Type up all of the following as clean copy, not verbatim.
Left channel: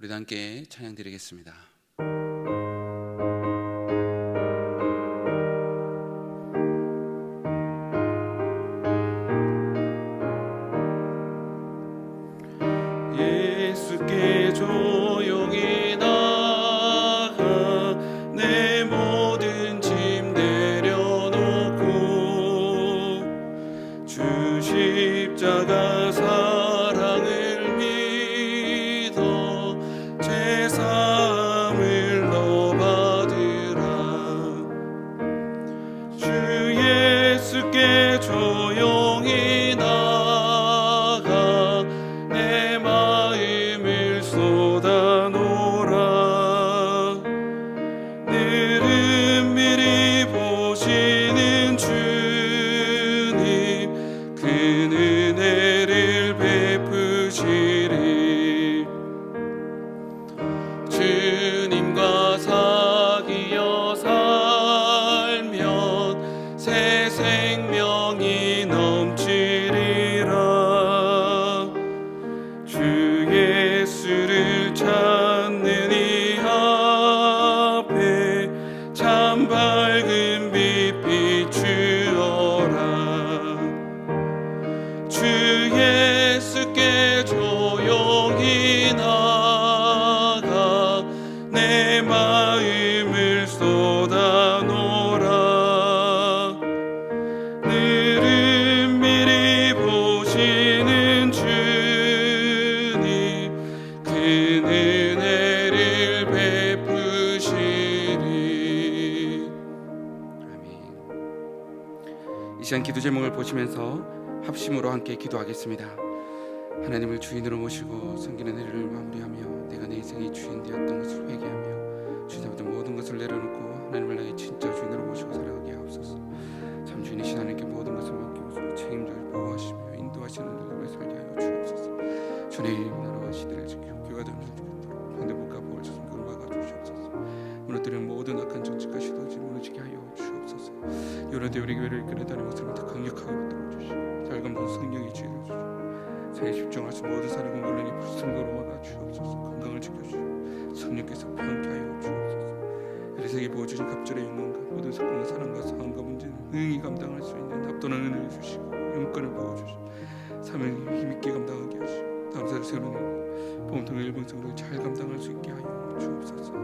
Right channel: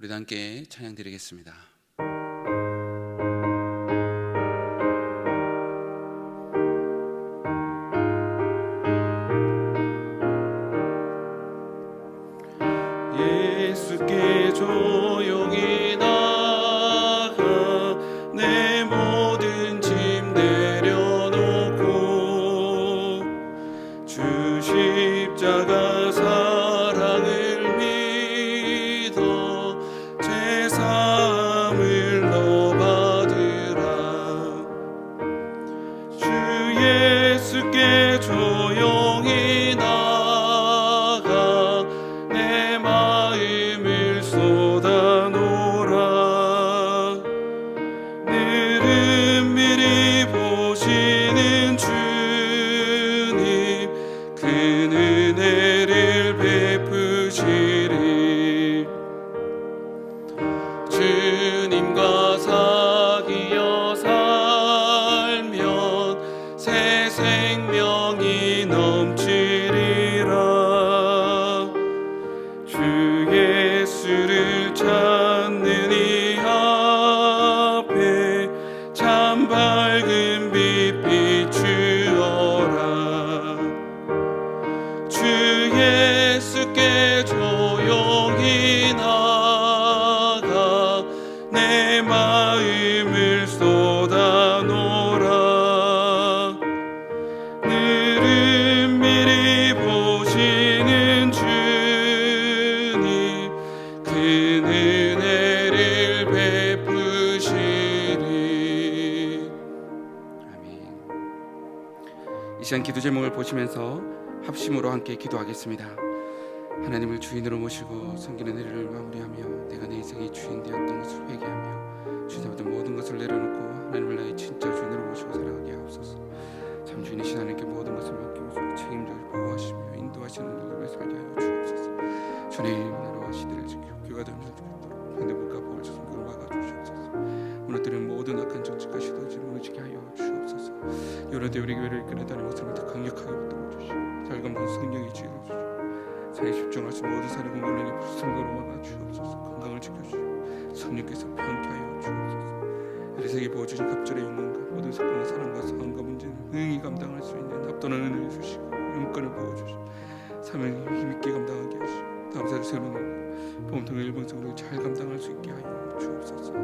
우리도 함께 찬양 드리겠습니다. 예수께 조용히 나가 내 모든 짐 내려놓고 주 십자가 사랑을 믿어 제 사함을 너 받으라. 주 예수께 조용히 나가 내 마음을 쏟아놓으라. 늘 은밀히 보시는 주님 그 은혜를 베푸시리. 주님과 사귀어 살면 새 생명이 넘치리라. 주 예수를 찾는 이 앞에 참 밝은 빛 비추어라. 주 예수께 조용히 나가 내 마음을 쏟아놓으라. 늘 은밀히 보시는 주님 그 은혜를 베푸시리. 아멘. 이 시간 기도 제목을 보시면서 합심으로 함께 기도하겠습니다. 하나님을 주인으로 모시고 섬기는 일을 마무리하며 내가 내 인생의 주인 되었던 것을 회개하며 주님의 모든 것을 내려놓고 하나님을 나의 진짜 주인으로 모시고 살아가게 하옵소서. 참 주인이신 하나님께 모든 것을 맡기고 책임져 보호하시며 인도하시는 일들을 살게 하여 주옵소서. 주님 나라와 시대를 지키고 교회가 되는 줄 믿도록 현대국가 보호를 성경을 막아주시옵소서. 무너뜨리는 모든 악한 정치가 시도지 무너지게 하여 주옵소서. 여러 때 우리 교회를 이끌어다니는 것을 더 강력하게 붙들어 주시고 잘감동 성령의 지혜를 주시고 사에 집중할 수 모든 사는 공간을 불성으로 막아 주옵소서. 건강을 지켜주시고 성령께서 평케 하여 주옵소서. 세계 보여주신 갑절의 영광과 모든 사건과 사랑과 상황과 문제는 능히 감당할 수 있는 합도는 은혜를 주시고 영권을 부어주시고 사명을 힘있게 감당하게 하시고 감사를 세우는 보험통의 일본성을 잘 감당할 수 있게 하여 주옵소서.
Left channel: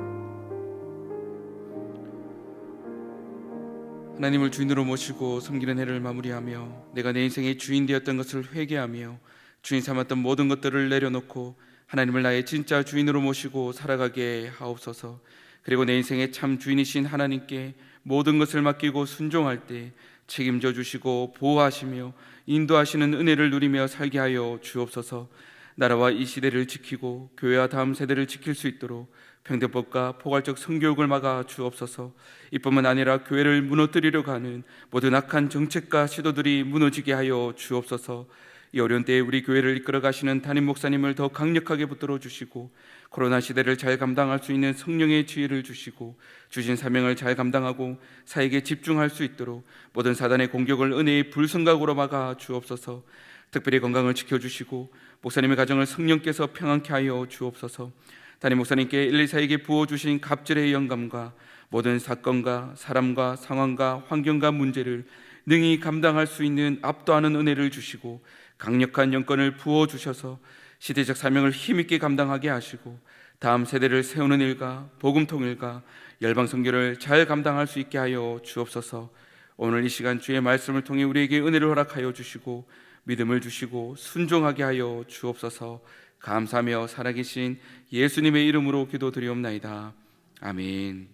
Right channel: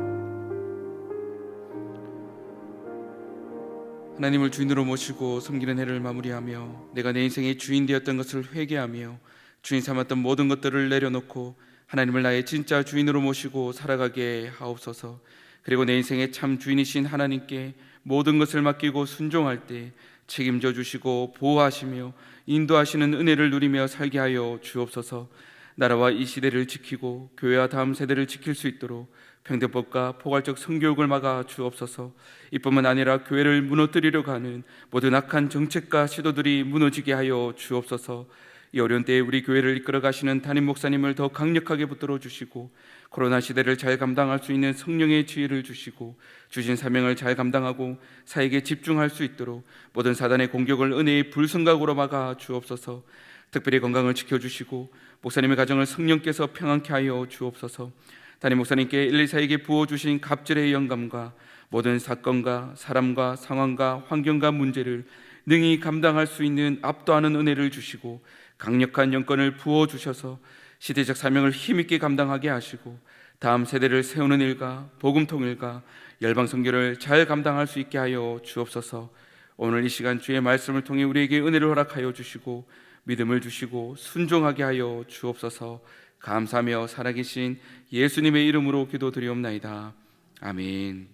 하나님을 주인으로 모시고 섬기는 해를 마무리하며 내가 내 인생의 주인 되었던 것을 회개하며 주인 삼았던 모든 것들을 내려놓고 하나님을 나의 진짜 주인으로 모시고 살아가게 하옵소서. 그리고 내 인생의 참 주인이신 하나님께 모든 것을 맡기고 순종할 때 책임져 주시고 보호하시며 인도하시는 은혜를 누리며 살게 하여 주옵소서. 나라와 이 시대를 지키고 교회와 다음 세대를 지킬 수 있도록 평등법과 포괄적 성교육을 막아 주옵소서. 이뿐만 아니라 교회를 무너뜨리려고 하는 모든 악한 정책과 시도들이 무너지게 하여 주옵소서. 이 어려운 때에 우리 교회를 이끌어 가시는 담임 목사님을 더 강력하게 붙들어 주시고 코로나 시대를 잘 감당할 수 있는 성령의 지혜를 주시고 주신 사명을 잘 감당하고 사역에 집중할 수 있도록 모든 사단의 공격을 은혜의 불성각으로 막아 주옵소서. 특별히 건강을 지켜주시고 목사님의 가정을 성령께서 평안케 하여 주옵소서. 담임 목사님께 124에게 부어주신 갑절의 영감과 모든 사건과 사람과 상황과 환경과 문제를 능히 감당할 수 있는 압도하는 은혜를 주시고 강력한 영권을 부어주셔서 시대적 사명을 힘있게 감당하게 하시고 다음 세대를 세우는 일과 복음 통일과 열방 선교를 잘 감당할 수 있게 하여 주옵소서. 오늘 이 시간 주의 말씀을 통해 우리에게 은혜를 허락하여 주시고 믿음을 주시고 순종하게 하여 주옵소서. 감사하며 살아계신 예수님의 이름으로 기도드리옵나이다. 아멘.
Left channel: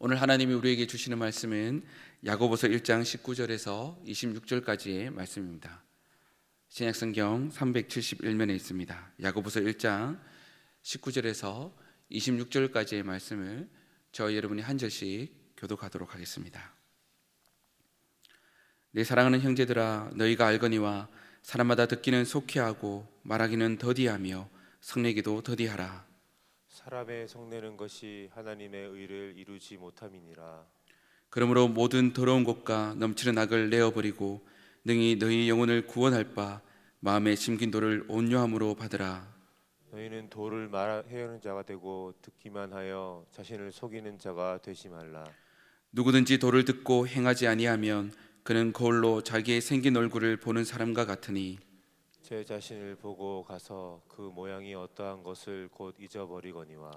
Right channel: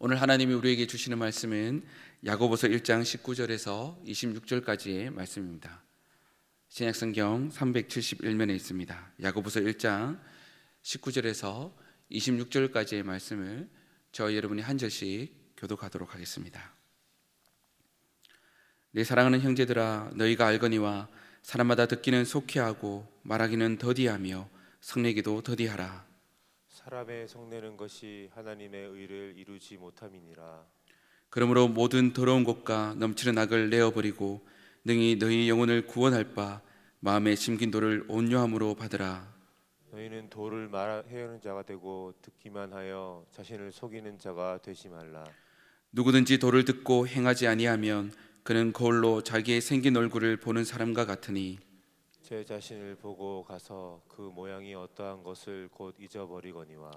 오늘 하나님이 우리에게 주시는 말씀은 야고보서 1장 19절에서 26절까지의 말씀입니다. 신약성경 371면에 있습니다. 야고보서 1장 19절에서 26절까지의 말씀을 저희 여러분이 한 절씩 교독하도록 하겠습니다. 내 사랑하는 형제들아, 너희가 알거니와 사람마다 듣기는 속히하고 말하기는 더디하며 성내기도 더디하라. 사람의 성내는 것이 하나님의 의를 이루지 못함이니라. 그러므로 모든 더러운 것과 넘치는 악을 내어버리고 능히 너희 영혼을 구원할 바 마음에 심긴 도를 온유함으로 받으라. 너희는 도를 말하는 자가 되고 듣기만 하여 자신을 속이는 자가 되지 말라. 누구든지 도를 듣고 행하지 아니하면 그는 거울로 자기의 생긴 얼굴을 보는 사람과 같으니 제 자신을 보고 가서 그 모양이 어떠한 것을 곧 잊어버리거니와.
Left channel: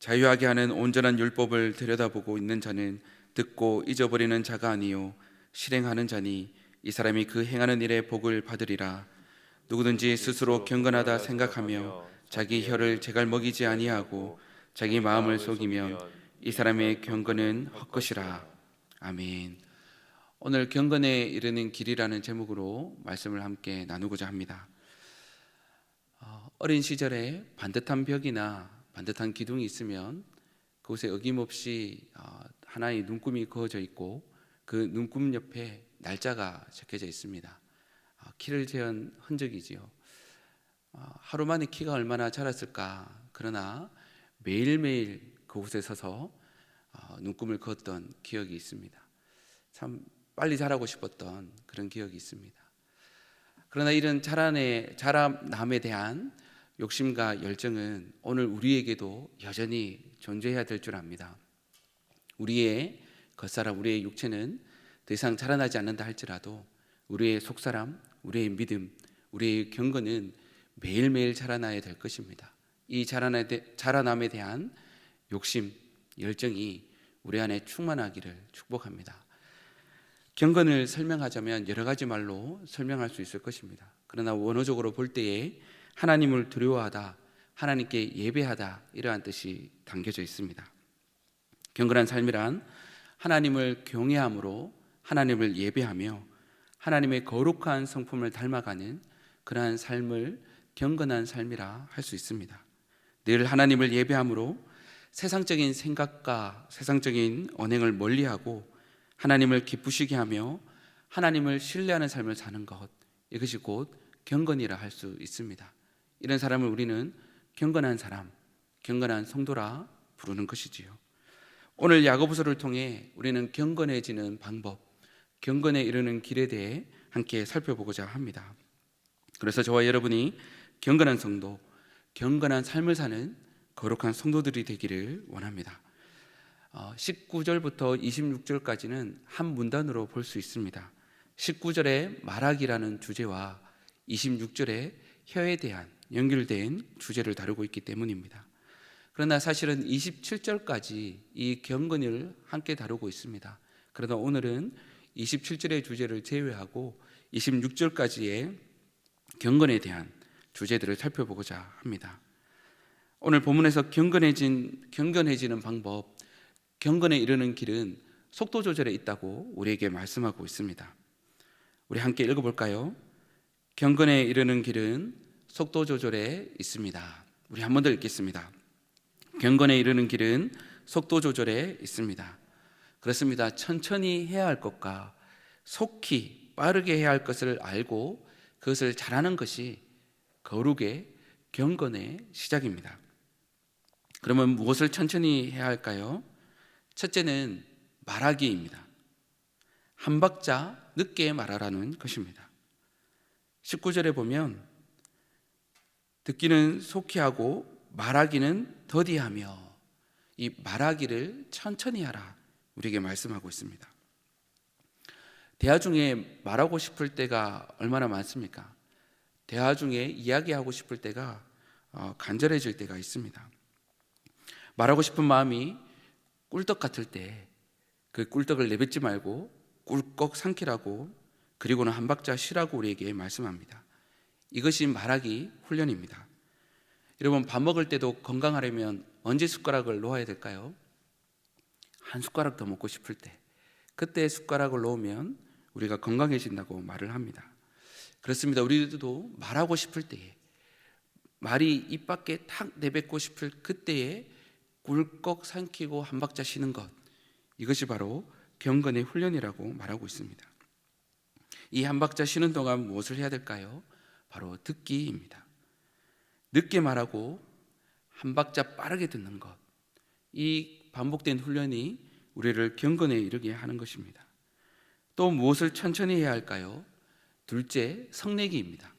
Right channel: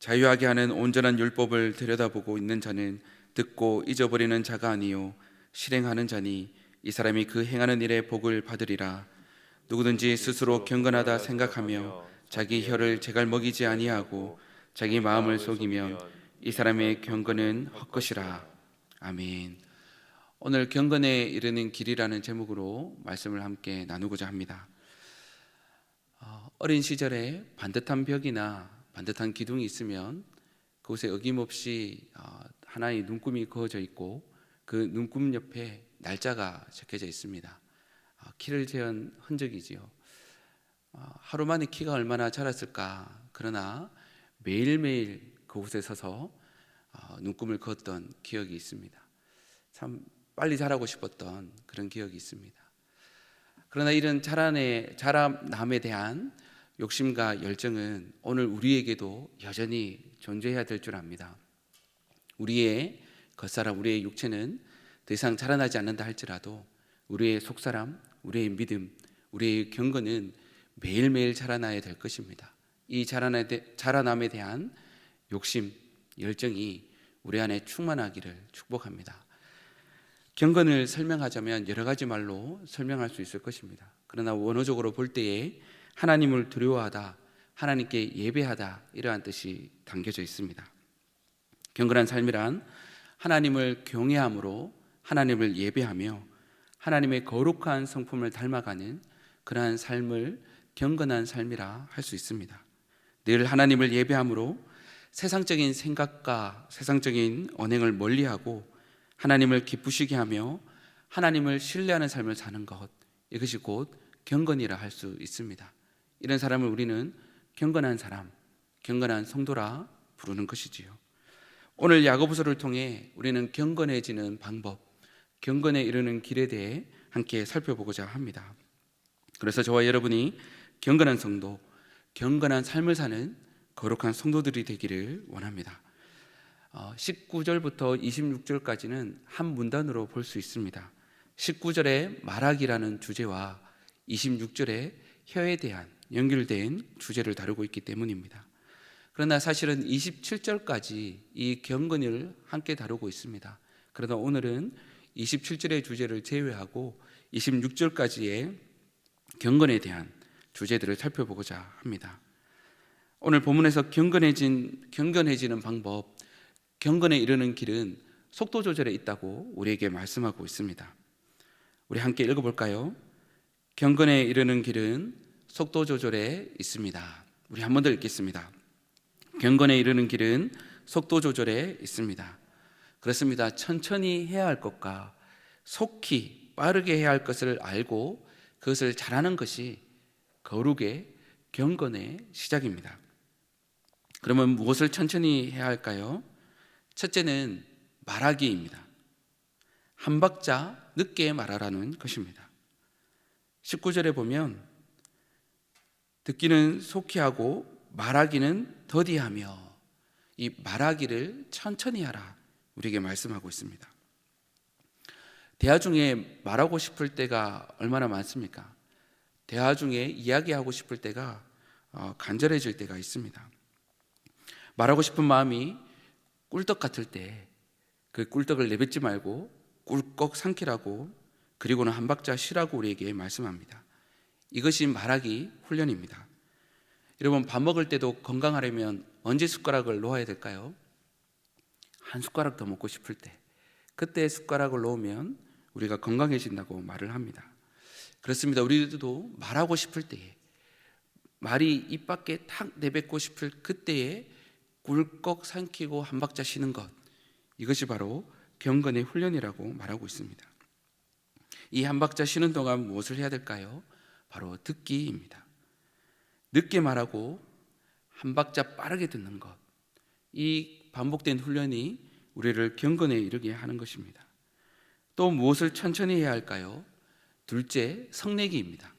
자유하게 하는 온전한 율법을 들여다보고 있는 자는 듣고 잊어버리는 자가 아니요 실행하는 자니 이 사람이 그 행하는 일의 복을 받으리라. 누구든지 스스로 경건하다 생각하며 자기 혀를 제갈먹이지 아니하고 자기 마음을 속이면 이 사람의 경건은 헛것이라. 아멘. 오늘 경건에 이르는 길이라는 제목으로 말씀을 함께 나누고자 합니다. 어린 시절에 반듯한 벽이나 반듯한 기둥이 있으면 그곳에 어김없이 하나의 눈금이 그어져 있고 그 눈금 옆에 날짜가 적혀져 있습니다. 키를 재은 흔적이지요. 하루 만에 키가 얼마나 자랐을까. 그러나 매일매일 그곳에 서서 눈금을 그었던 기억이 있습니다. 참 빨리 자라고 싶었던 그런 기억이 있습니다. 그러나 이런 자라남에 대한 욕심과 열정은 오늘 우리에게도 여전히 존재해야 될 줄 압니다. 우리의 겉사람, 우리의 육체는 더 이상 자라나지 않는다 할지라도 우리의 속사람, 우리의 믿음, 우리의 경건은 매일매일 자라나야 될 것입니다. 이 자라남에 대한 욕심, 열정이 우리 안에 충만하기를 축복합니다. 경건을 설명하자면 여러 가지 말로 설명할 수 있을 것입니다. 그러나 원어적으로 볼 때에 하나님을 두려워하다, 하나님께 예배하다 이러한 뜻이 담겨져 있습니다. 경건한 삶이란 하나님을 경외함으로 하나님을 예배하며 하나님의 거룩한 성품을 닮아가는 그러한 삶을 경건한 삶이라 할 수 있습니다. 늘 하나님을 예배함으로 세상적인 생각과 세상적인 언행을 멀리하고 하나님을 기쁘시게 하며 하나님을 신뢰하는 삶을 사는 것, 이것이 곧 경건이라 할 수 있습니다. 이런 사람을 우리는 경건한 사람, 경건한 성도라 부르는 것이지요. 오늘 야고보서를 통해 우리는 경건해지는 방법, 경건에 이르는 길에 대해 함께 살펴보고자 합니다. 그래서 저와 여러분이 경건한 성도, 경건한 삶을 사는 거룩한 성도들이 되기를 원합니다. 19절부터 26절까지는 한 문단으로 볼 수 있습니다. 19절에 말하기라는 주제와 26절에 혀에 대한 연결된 주제를 다루고 있기 때문입니다. 그러나 사실은 27절까지 이 경건을 함께 다루고 있습니다. 그러나 오늘은 27절의 주제를 제외하고 26절까지의 경건에 대한 주제들을 살펴보고자 합니다. 오늘 본문에서 경건해지는 방법, 경건에 이르는 길은 속도 조절에 있다고 우리에게 말씀하고 있습니다. 우리 함께 읽어볼까요? 경건에 이르는 길은 속도 조절에 있습니다. 우리 한 번 더 읽겠습니다. 경건에 이르는 길은 속도 조절에 있습니다. 그렇습니다. 천천히 해야 할 것과 속히 빠르게 해야 할 것을 알고 그것을 잘하는 것이 거룩의 경건의 시작입니다. 그러면 무엇을 천천히 해야 할까요? 첫째는 말하기입니다. 한 박자 늦게 말하라는 것입니다. 19절에 보면 듣기는 속히 하고 말하기는 더디하며, 이 말하기를 천천히 하라 우리에게 말씀하고 있습니다. 대화 중에 말하고 싶을 때가 얼마나 많습니까? 대화 중에 이야기하고 싶을 때가 간절해질 때가 있습니다. 말하고 싶은 마음이 꿀떡 같을 때 그 꿀떡을 내뱉지 말고 꿀꺽 삼키라고, 그리고는 한 박자 쉬라고 우리에게 말씀합니다. 이것이 말하기 훈련입니다. 여러분, 밥 먹을 때도 건강하려면 언제 숟가락을 놓아야 될까요? 한 숟가락 더 먹고 싶을 때, 그때 숟가락을 놓으면 우리가 건강해진다고 말을 합니다. 그렇습니다. 우리도 말하고 싶을 때에, 말이 입 밖에 탁 내뱉고 싶을 그때에 꿀꺽 삼키고 한 박자 쉬는 것, 이것이 바로 경건의 훈련이라고 말하고 있습니다. 이 한 박자 쉬는 동안 무엇을 해야 될까요? 바로 듣기입니다. 늦게 말하고 한 박자 빠르게 듣는 것, 이 반복된 훈련이 우리를 경건에 이르게 하는 것입니다. 또 무엇을 천천히 해야 할까요? 둘째, 성내기입니다.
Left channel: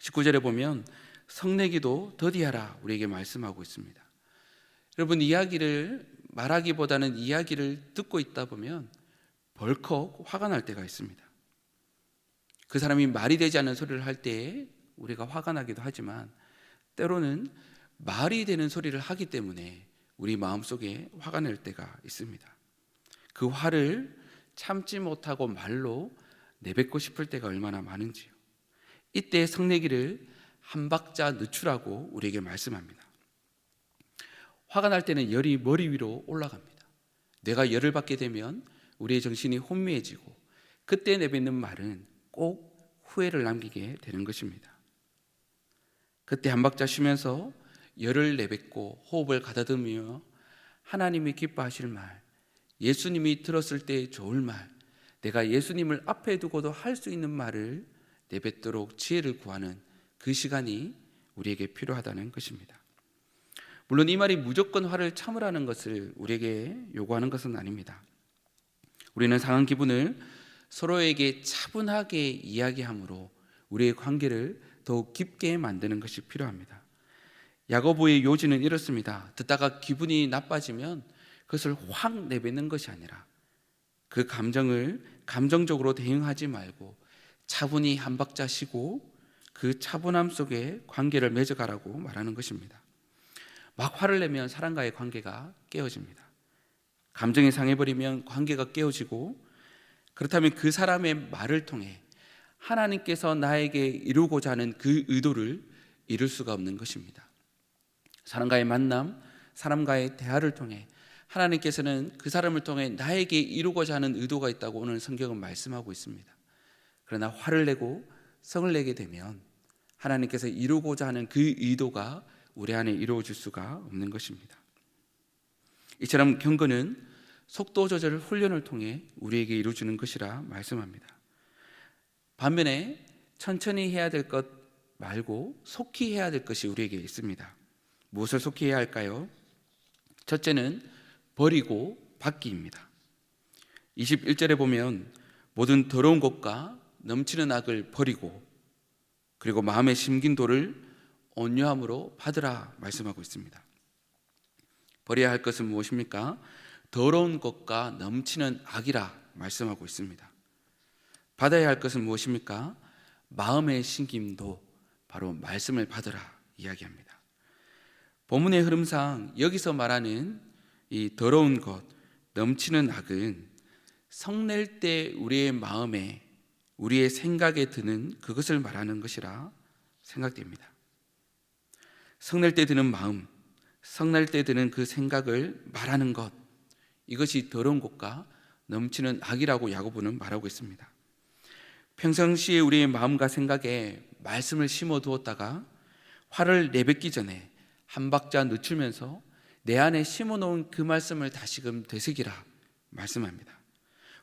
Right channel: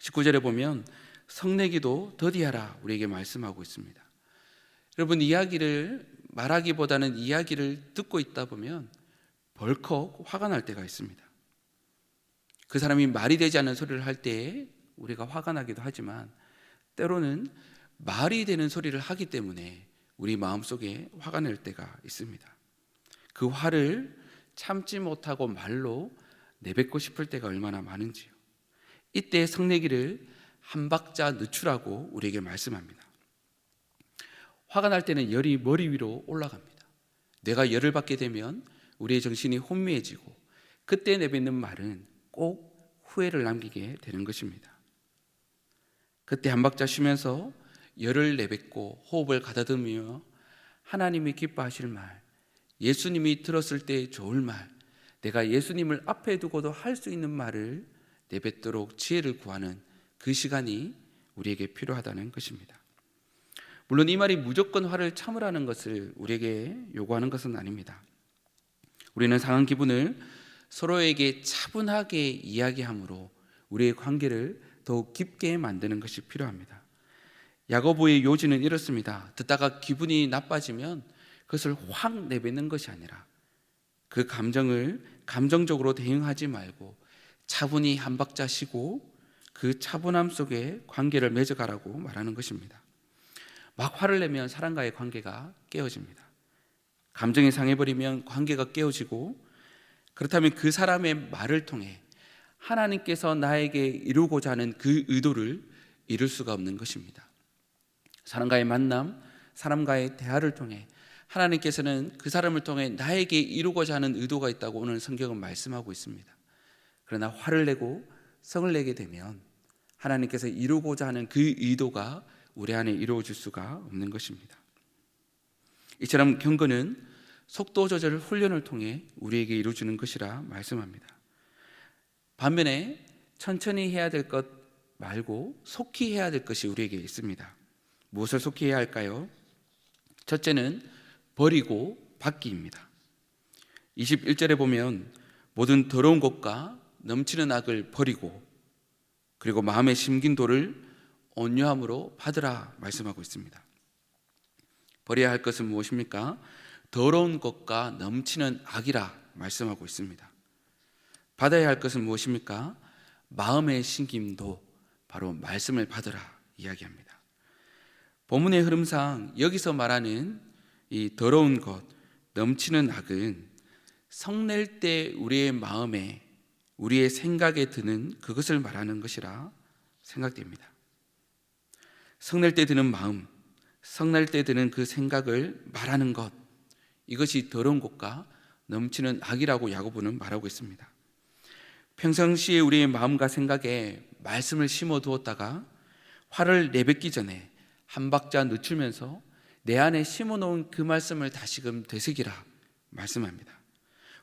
19절에 보면 성내기도 더디하라 우리에게 말씀하고 있습니다. 여러분, 이야기를 말하기보다는 이야기를 듣고 있다 보면 벌컥 화가 날 때가 있습니다. 그 사람이 말이 되지 않는 소리를 할 때에 우리가 화가 나기도 하지만, 때로는 말이 되는 소리를 하기 때문에 우리 마음속에 화가 날 때가 있습니다. 그 화를 참지 못하고 말로 내뱉고 싶을 때가 얼마나 많은지요. 이때 성내기를 한 박자 늦추라고 우리에게 말씀합니다. 화가 날 때는 열이 머리 위로 올라갑니다. 뇌가 열을 받게 되면 우리의 정신이 혼미해지고, 그때 내뱉는 말은 꼭 후회를 남기게 되는 것입니다. 그때 한 박자 쉬면서 열을 내뱉고 호흡을 가다듬으며 하나님이 기뻐하실 말, 예수님이 들었을 때 좋을 말, 내가 예수님을 앞에 두고도 할 수 있는 말을 내뱉도록 지혜를 구하는 그 시간이 우리에게 필요하다는 것입니다. 물론 이 말이 무조건 화를 참으라는 것을 우리에게 요구하는 것은 아닙니다. 우리는 상한 기분을 서로에게 차분하게 이야기함으로 우리의 관계를 더욱 깊게 만드는 것이 필요합니다. 야고보의 요지는 이렇습니다. 듣다가 기분이 나빠지면 그것을 확 내뱉는 것이 아니라 그 감정을 감정적으로 대응하지 말고 차분히 한 박자 쉬고 그 차분함 속에 관계를 맺어가라고 말하는 것입니다. 막 화를 내면 사람과의 관계가 깨어집니다. 감정이 상해버리면 관계가 깨어지고, 그렇다면 그 사람의 말을 통해 하나님께서 나에게 이루고자 하는 그 의도를 이룰 수가 없는 것입니다. 사람과의 만남, 사람과의 대화를 통해 하나님께서는 그 사람을 통해 나에게 이루고자 하는 의도가 있다고 오늘 성경은 말씀하고 있습니다. 그러나 화를 내고 성을 내게 되면 하나님께서 이루고자 하는 그 의도가 우리 안에 이루어질 수가 없는 것입니다. 이처럼 경건은 속도 조절 훈련을 통해 우리에게 이루어지는 것이라 말씀합니다. 반면에 천천히 해야 될 것 말고 속히 해야 될 것이 우리에게 있습니다. 무엇을 속히 해야 할까요? 첫째는 버리고 받기입니다. 21절에 보면 모든 더러운 것과 넘치는 악을 버리고, 그리고 마음에 심긴 돌을 온유함으로 받으라 말씀하고 있습니다. 버려야 할 것은 무엇입니까? 더러운 것과 넘치는 악이라 말씀하고 있습니다. 받아야 할 것은 무엇입니까? 마음의 심김도 바로 말씀을 받으라 이야기합니다. 본문의 흐름상 여기서 말하는 이 더러운 것, 넘치는 악은 성낼 때 우리의 마음에, 우리의 생각에 드는 그것을 말하는 것이라 생각됩니다. 성낼 때 드는 마음, 성낼 때 드는 그 생각을 말하는 것, 이것이 더러운 것과 넘치는 악이라고 야고보는 말하고 있습니다. 평상시에 우리의 마음과 생각에 말씀을 심어 두었다가 화를 내뱉기 전에 한 박자 늦추면서 내 안에 심어 놓은 그 말씀을 다시금 되새기라 말씀합니다.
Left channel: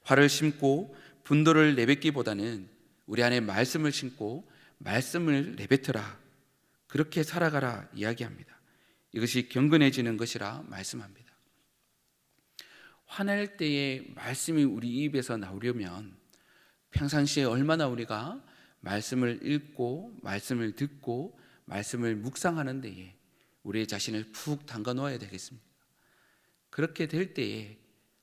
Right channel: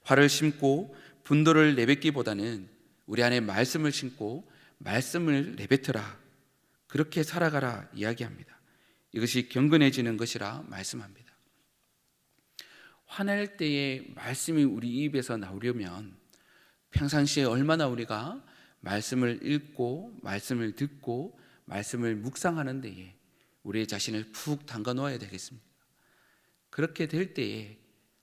화를 심고 분노를 내뱉기보다는 우리 안에 말씀을 심고 말씀을 내뱉으라, 그렇게 살아가라 이야기합니다. 이것이 경건해지는 것이라 말씀합니다. 화낼 때에 말씀이 우리 입에서 나오려면 평상시에 얼마나 우리가 말씀을 읽고 말씀을 듣고 말씀을 묵상하는 데에 우리의 자신을 푹 담가 놓아야 되겠습니다. 그렇게 될 때에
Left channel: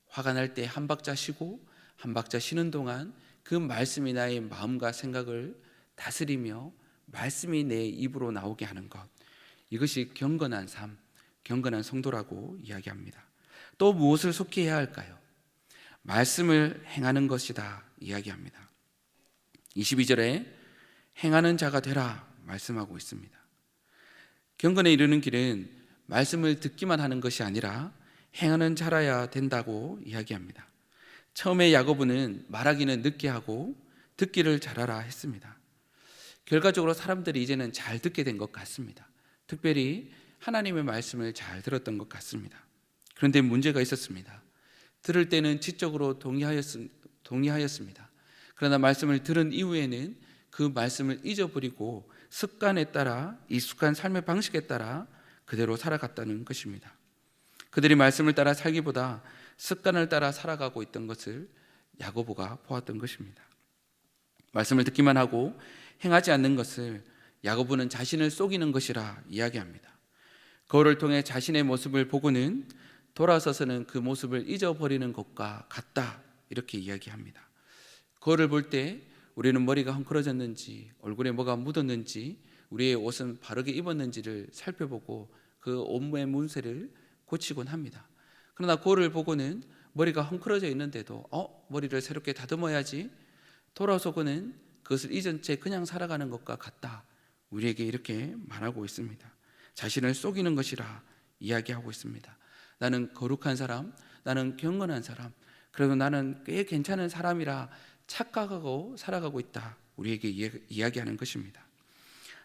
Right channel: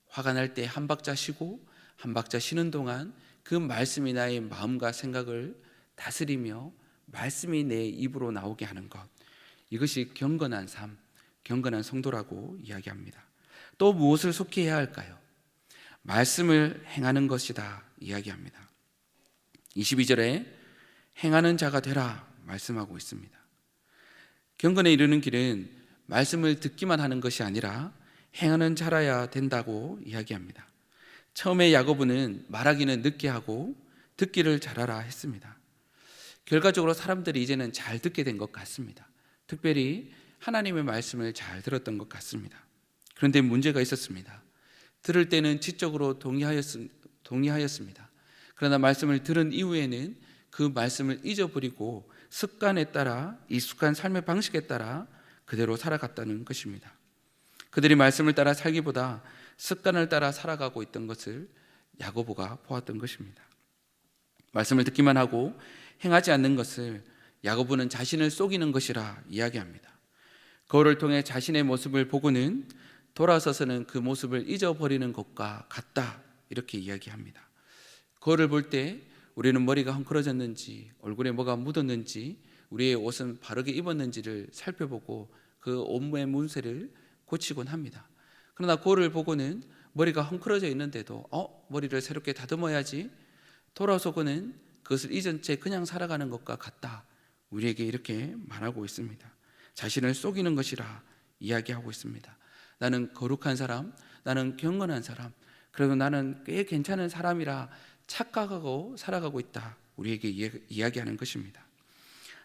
화가 날 때 한 박자 쉬고 한 박자 쉬는 동안 그 말씀이 나의 마음과 생각을 다스리며 말씀이 내 입으로 나오게 하는 것, 이것이 경건한 삶, 경건한 성도라고 이야기합니다. 또 무엇을 속히 해야 할까요? 말씀을 행하는 것이다 이야기합니다. 22절에 행하는 자가 되라 말씀하고 있습니다. 경건에 이르는 길은 말씀을 듣기만 하는 것이 아니라 행하는 자라야 된다고 이야기합니다. 처음에 야고보는 말하기는 늦게 하고 듣기를 잘하라 했습니다. 결과적으로 사람들이 이제는 잘 듣게 된 것 같습니다. 특별히 하나님의 말씀을 잘 들었던 것 같습니다. 그런데 문제가 있었습니다. 들을 때는 지적으로 동의하였습니다. 그러나 말씀을 들은 이후에는 그 말씀을 잊어버리고 습관에 따라, 익숙한 삶의 방식에 따라 그대로 살아갔다는 것입니다. 그들이 말씀을 따라 살기보다 습관을 따라 살아가고 있던 것을 야고보가 보았던 것입니다. 말씀을 듣기만 하고 행하지 않는 것을 야고보는 자신을 속이는 것이라 이야기합니다. 거울을 통해 자신의 모습을 보고는 돌아서서는 그 모습을 잊어버리는 것과 같다, 이렇게 이야기합니다. 거울을 볼 때 우리는 머리가 헝클어졌는지, 얼굴에 뭐가 묻었는지, 우리의 옷은 바르게 입었는지를 살펴보고 그 온몸의 문제를 고치곤 합니다. 그러나 거울을 보고는 머리가 헝클어져 있는데도 머리를 새롭게 다듬어야지, 돌아서고는 그것을 잊은 채 그냥 살아가는 것과 같다, 우리에게 이렇게 말하고 있습니다. 자신을 속이는 것이라 이야기하고 있습니다. 나는 거룩한 사람, 나는 경건한 사람, 그래도 나는 꽤 괜찮은 사람이라 착각하고 살아가고 있다, 우리에게 이야기하는 것입니다.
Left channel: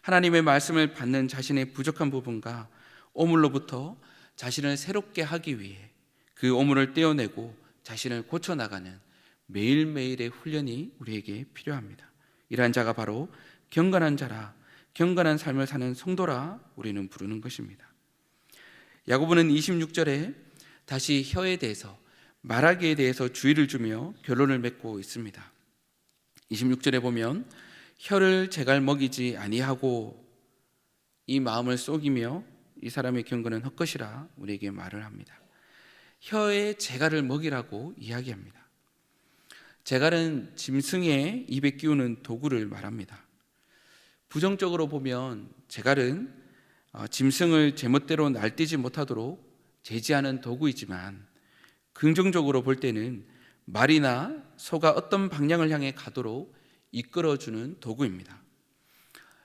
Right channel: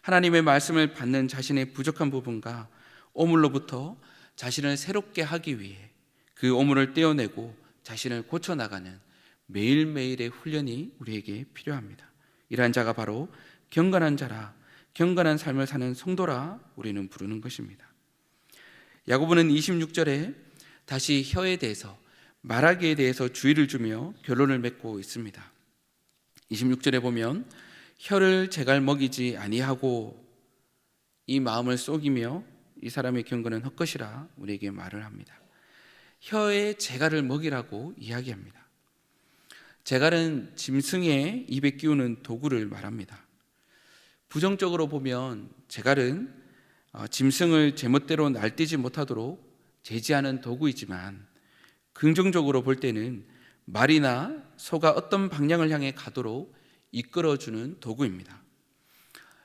하나님의 말씀을 받는 자신의 부족한 부분과 오물로부터 자신을 새롭게 하기 위해 그 오물을 떼어내고 자신을 고쳐나가는 매일매일의 훈련이 우리에게 필요합니다. 이러한 자가 바로 경건한 자라, 경건한 삶을 사는 성도라 우리는 부르는 것입니다. 야고보는 26절에 다시 혀에 대해서, 말하기에 대해서 주의를 주며 결론을 맺고 있습니다. 26절에 보면 혀를 제갈 먹이지 아니하고 이 마음을 속이며 이 사람의 경건은 헛것이라 우리에게 말을 합니다. 혀에 제갈을 먹이라고 이야기합니다. 제갈은 짐승의 입에 끼우는 도구를 말합니다. 부정적으로 보면 제갈은 짐승을 제멋대로 날뛰지 못하도록 제지하는 도구이지만, 긍정적으로 볼 때는 말이나 소가 어떤 방향을 향해 가도록 이끌어주는 도구입니다.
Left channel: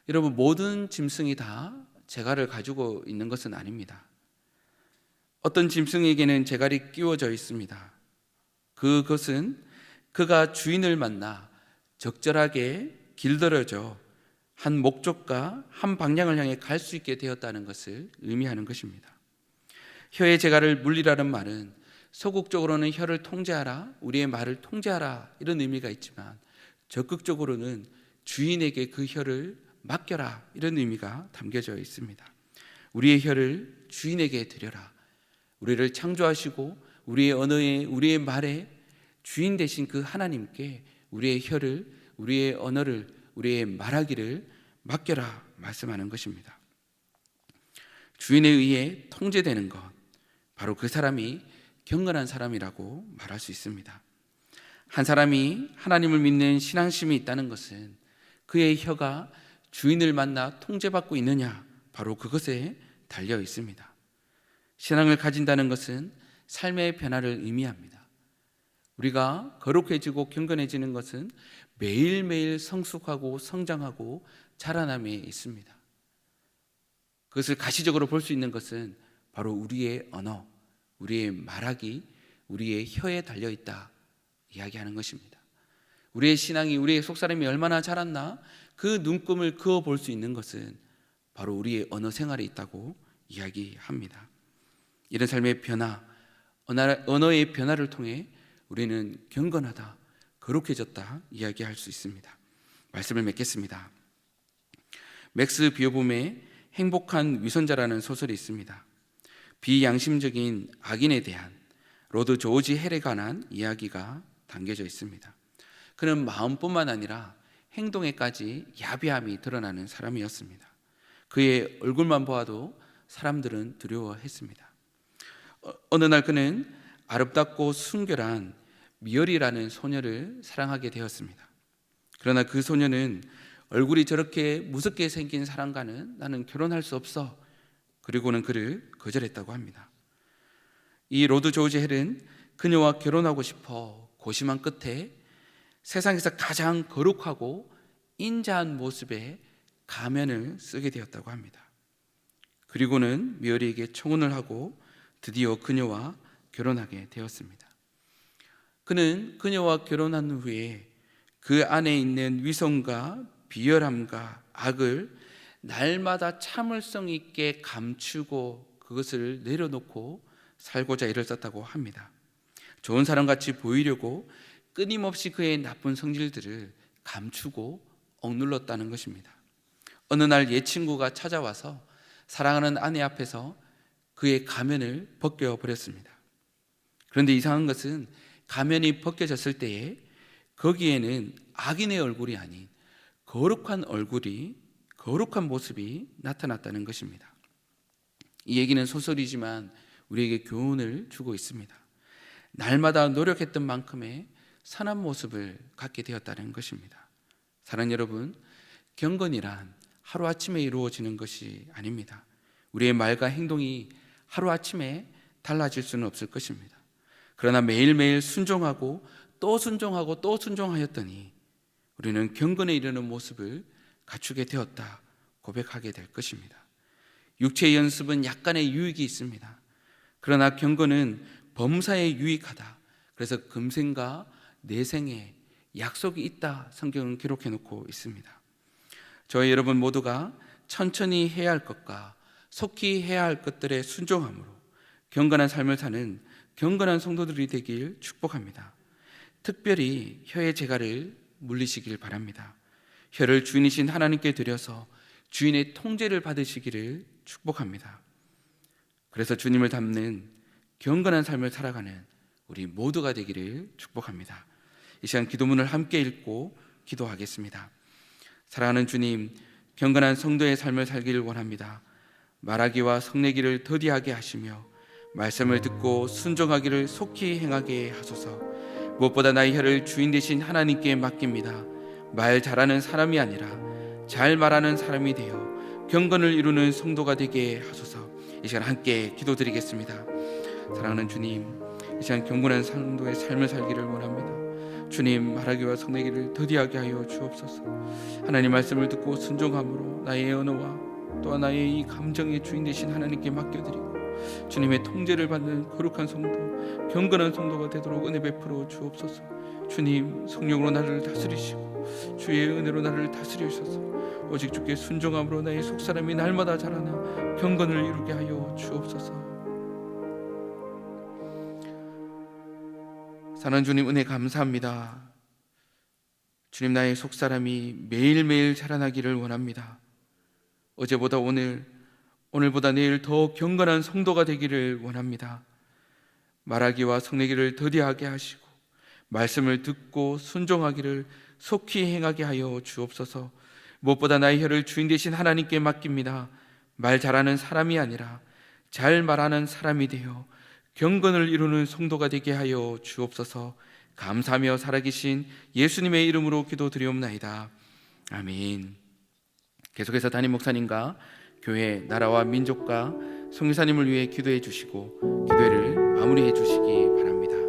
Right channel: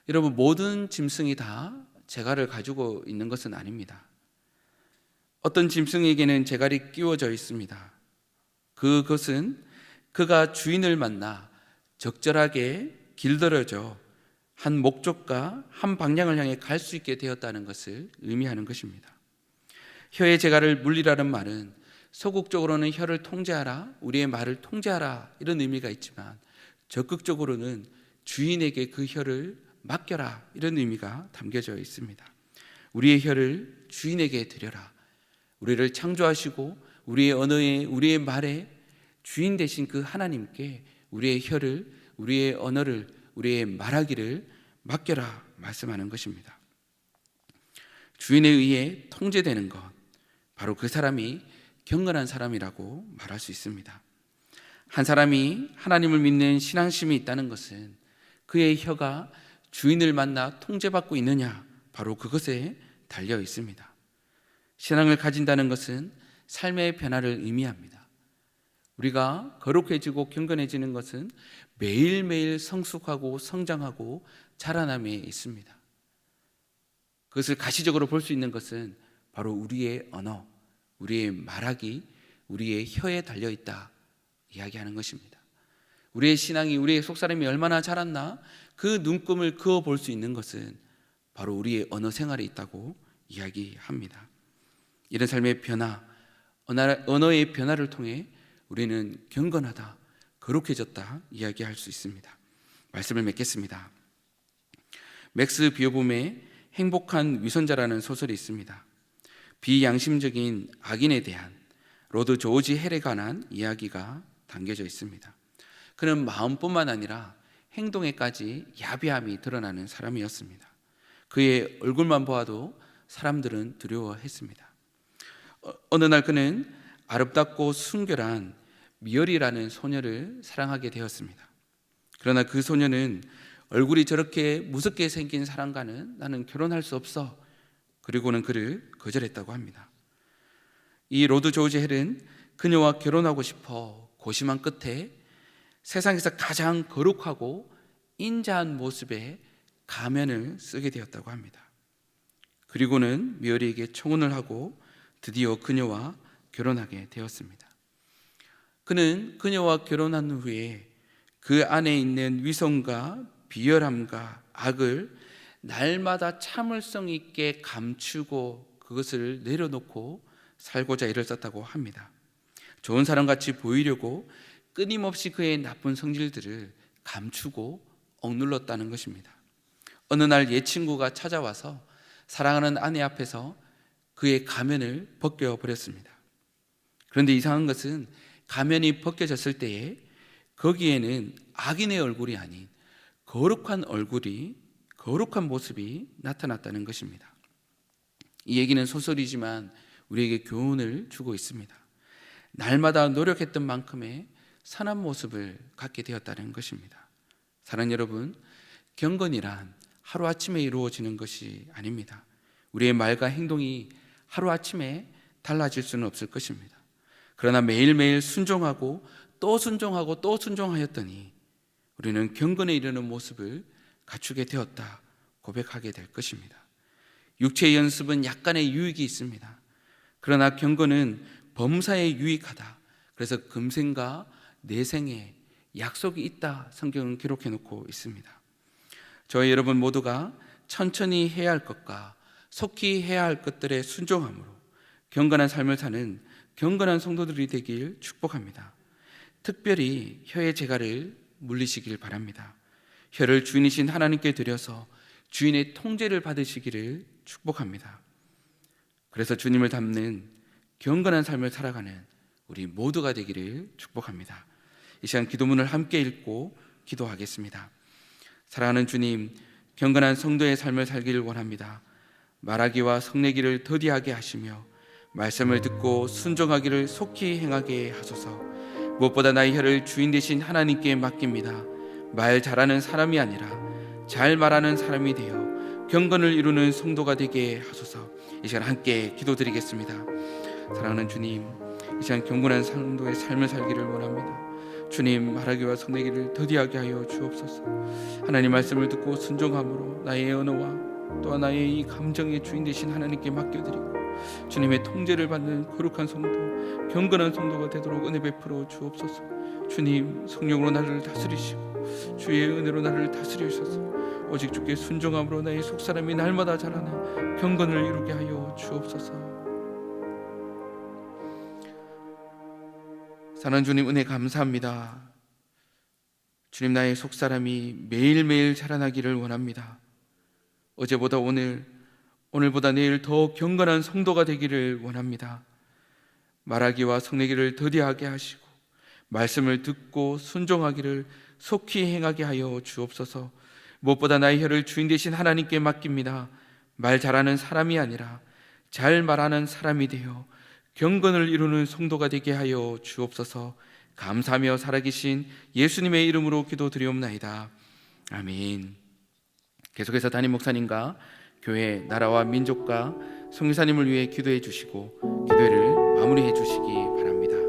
여러분, 모든 짐승이 다 제갈을 가지고 있는 것은 아닙니다. 어떤 짐승에게는 제갈이 끼워져 있습니다. 그것은 그가 주인을 만나 적절하게 길들여져 한 목적과 한 방향을 향해 갈 수 있게 되었다는 것을 의미하는 것입니다. 혀의 제갈을 물리라는 말은 소극적으로는 혀를 통제하라, 우리의 말을 통제하라, 이런 의미가 있지만, 적극적으로는 주인에게 그 혀를 맡겨라, 이런 의미가 담겨져 있습니다. 우리의 혀를 주인에게 드려라. 우리를 창조하시고 우리의 언어에, 우리의 말에 주인 되신 그 하나님께 우리의 혀를, 우리의 언어를, 우리의 말하기를 맡겨라 말씀하는 것입니다. 주인에 의해 통제되는 것, 바로 그 사람이 경건한 사람이라고 말할 수 있습니다. 한 사람이 하나님을 믿는 신앙심이 있다는 것은 그의 혀가 주인을 만나 통제받고 있느냐, 바로 그것에 달려 있습니다. 신앙을 가진다는 것은 삶의 변화를 의미합니다. 우리가 거룩해지고 경건해지는 것은 매일매일 성숙하고 성장하고 자라남에 있습니다. 그것을 가시적으로 볼 수 있는 것은 바로 우리의 언어, 우리의 말하기, 우리의 혀에 달려있다 이야기하는 것입니다. 우리의 신앙이, 우리의 속사람이 얼마나 자랐나, 그 눈금을 그어볼 수 있는 것은 바로 우리의 언어 생활에 있다고 이야기합니다. 이런 삶의 변화, 언어의 변화를 통해 우리는 경건하다, 거룩해졌다 이야기할 수 있습니다. 말씀을 맺겠습니다. 맥스 비어봄의 행복한 위선자라는 소설이 있습니다. 비양심적인 악인에 대한 로드 조지 헬에 관한 이야기가 담겨져 있습니다. 그는 마음뿐만 아니라 행동에까지 야비함이 드러나는 사람이었습니다. 그의 얼굴만 보아도 사람들은 두려워했습니다. 어느 날 그는 아름답고 순결한 미열이라는 소녀를 사랑하게 되었습니다. 그러나 그 소녀는 얼굴이 저렇게 무섭게 생긴 사람과는 나는 결혼할 수 없어, 그리고는 그를 거절했다고 합니다. 이 로드 조지 헬은 그녀와 결혼하고 싶어 고심한 끝에 세상에서 가장 거룩하고 인자한 모습의 가면을 쓰게 되었다고 합니다. 그리고는 미어리에게 청혼을 하고 드디어 그녀와 결혼하게 되었습니다. 그는 그녀와 결혼한 후에 그 안에 있는 위선과 비열함과 악을 날마다 참을성 있게 감추고 그것을 내려놓고 살고자 애를 썼다고 합니다. 좋은 사람같이 보이려고 끊임없이 그의 나쁜 성질들을 감추고 억눌렀다는 것입니다. 어느 날 옛 친구가 찾아와서 사랑하는 아내 앞에서 그의 가면을 벗겨버렸습니다. 그런데 이상한 것은 가면이 벗겨졌을 때에 거기에는 악인의 얼굴이 아닌 거룩한 얼굴이 거룩한 모습이 나타났다는 것입니다. 이 얘기는 소설이지만 우리에게 교훈을 주고 있습니다. 날마다 노력했던 만큼의 선한 모습을 갖게 되었다는 것입니다. 사랑하는 여러분, 경건이란 하루아침에 이루어지는 것이 아닙니다. 우리의 말과 행동이 하루아침에 달라질 수는 없을 것입니다. 그러나 매일매일 순종하고 또 순종하고 또 순종하였더니 우리는 경건에 이르는 모습을 갖추게 되었다 고백하게 될 것입니다. 육체의 연습은 약간의 유익이 있습니다. 그러나 경건은 범사에 유익하다. 그래서 금생과 내생에 약속이 있다 성경은 기록해 놓고 있습니다. 저희 여러분 모두가 천천히 해야 할 것과 속히 해야 할 것들에 순종함으로 경건한 삶을 사는 경건한 성도들이 되길 축복합니다. 특별히 혀의 재갈을 물리시길 바랍니다. 혀를 주인이신 하나님께 드려서 주인의 통제를 받으시기를 축복합니다. 그래서 주님을 닮는 경건한 삶을 살아가는 우리 모두가 되기를 축복합니다. 이 시간 기도문을 함께 읽고 기도하겠습니다. 사랑하는 주님, 경건한 성도의 삶을 살기를 원합니다. 말하기와 성내기를 더디하게 하시며 말씀을 듣고 순종하기를 속히 행하게 하소서. 무엇보다 나의 혀를 주인 되신 하나님께 맡깁니다. 말 잘하는 사람이 아니라 잘 말하는 사람이 되어 경건을 이루는 성도가 되게 하소서. 이 시간 함께 기도드리겠습니다. 사랑하는 주님, 이 시간 경건한 성도의 삶을 살기를 원합니다. 주님, 말하기와 성내기를 더디하게 하여 주옵소서. 하나님 말씀을 듣고 순종함으로 나의 언어와 또한 나의 이 감정의 주인 되신 하나님께 맡겨드리고 주님의 통제를 받는 거룩한 성도, 경건한 성도가 되도록 은혜 베풀어 주옵소서. 주님, 성령으로 나를 다스리시고 주의 은혜로 나를 다스려 주셔서 오직 주께 순종함으로 나의 속사람이 날마다 자라나 경건을 이루게 하여 주옵소서. 사랑하는 주님, 은혜 감사합니다. 주님, 나의 속사람이 매일매일 자라나기를 원합니다. 어제보다 오늘, 오늘보다 내일 더 경건한 성도가 되기를 원합니다. 말하기와 성내기를 더디하게 하시고 말씀을 듣고 순종하기를 속히 행하게 하여 주옵소서. 무엇보다 나의 혀를 주인 되신 하나님께 맡깁니다. 말 잘하는 사람이 아니라 잘 말하는 사람이 되어 경건을 이루는 성도가 되게 하여 주옵소서. 감사하며 살아계신 예수님의 이름으로 기도드리옵나이다. 아멘. 계속해서 담임 목사님과 교회, 나라와 민족과 성교사님을 위해 기도해 주시고 기도회를 마무리해 주시기 바랍니다.